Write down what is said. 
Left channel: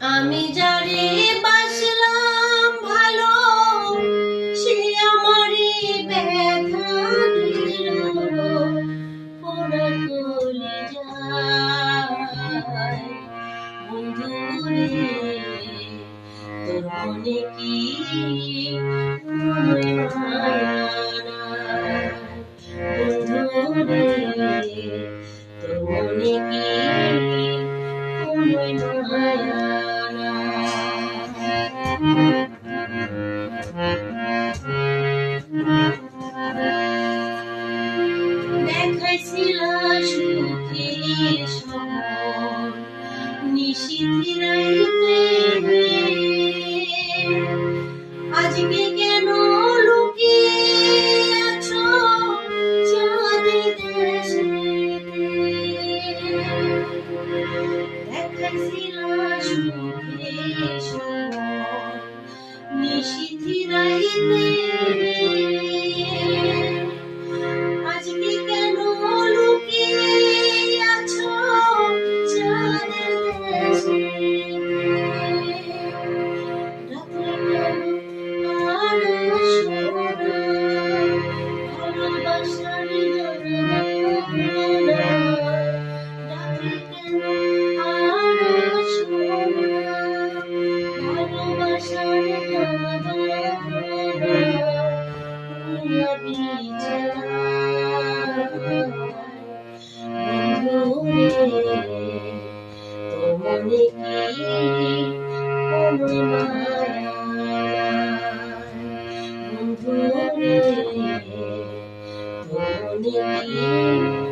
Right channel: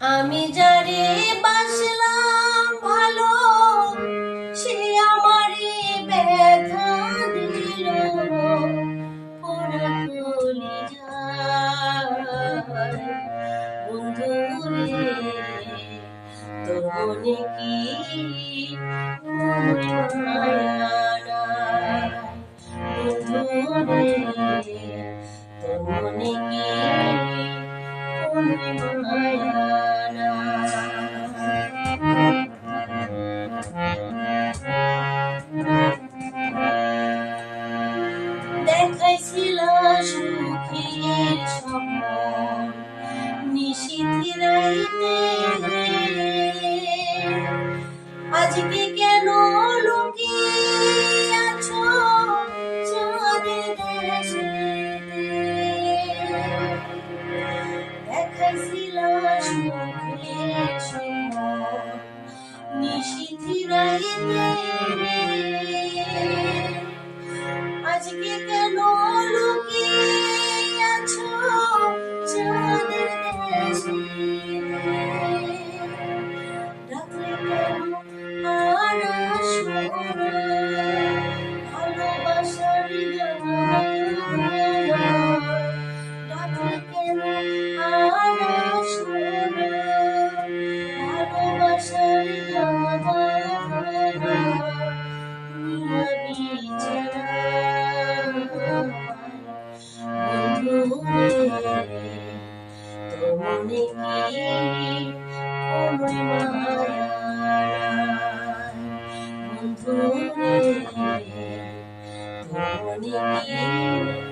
আমি যারে বাসলাম ভালো, সে আমারে ব্যথা দিল। পোড়া কলিজায় বন্ধু রে, তোর মনে কি কোনো মায়া নাই? বন্ধু রে, তোর মনে কি কোনো মায়া দেখাইছিল সুখের স্বপন নিশীথে রাইতে, আজকে কেন লুকিয়ে আছো চাঁদের দেশেতে? দেখাইছিল সুখের স্বপন নিশীথে রাইতে, আজকে কেন লুকিয়ে আছো চাঁদের দেশেতে? রাত্রে কেন আর আসো না, ভালোবাসার জানালা। রাত্রে কেন আর আসো না, ভালোবাসার জানালা। তোর মনে কি কোনো মায়া নাই? বন্ধু রে, তোর মনে কি